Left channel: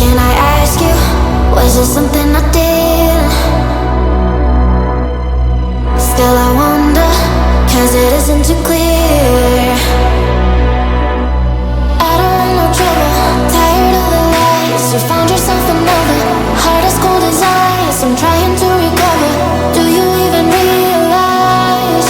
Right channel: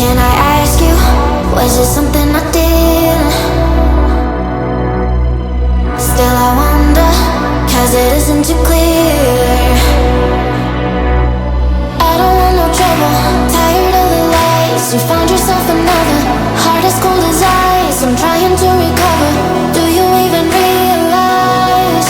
Can I ask you, was it something I did? Still I wonder, cause it isn't too clear. I don't want no trouble, tired of the lies. You found yourself another, heart as cold as ice. I'm trying to recover, do you even realize?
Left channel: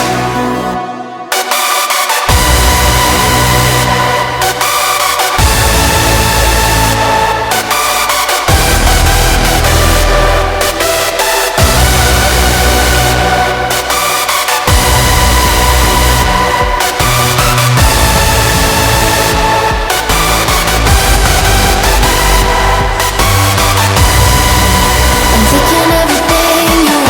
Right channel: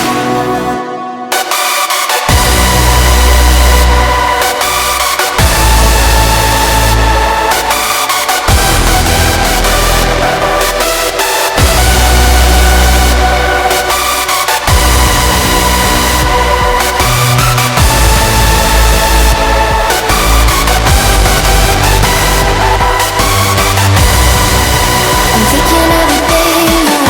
I'm taking everything you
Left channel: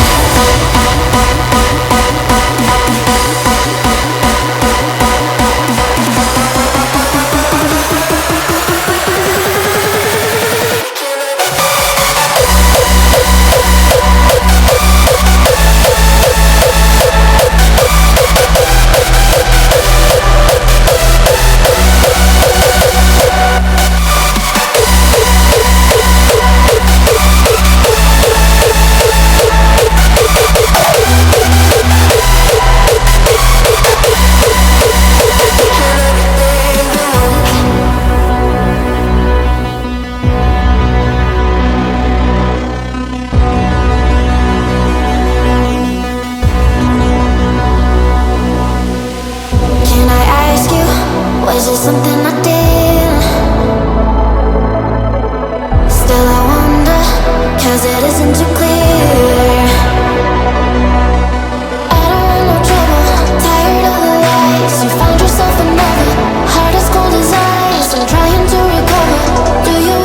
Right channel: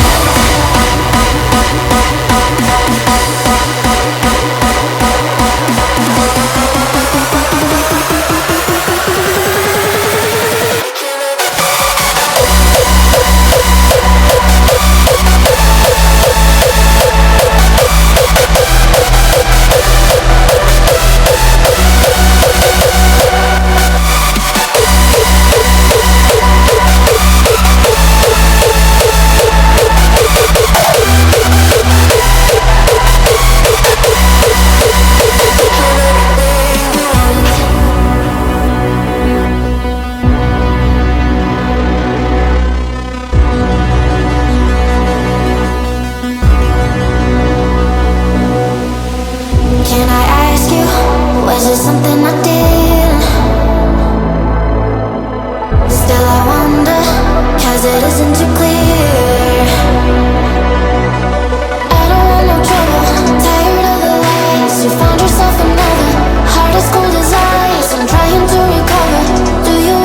Can I ask you, was it something I did? Still I wonder, cause it isn't too clear. I don't want no trouble, tired of the lies. You found yourself another, heart as cold as ice. I'm trying to recover, do you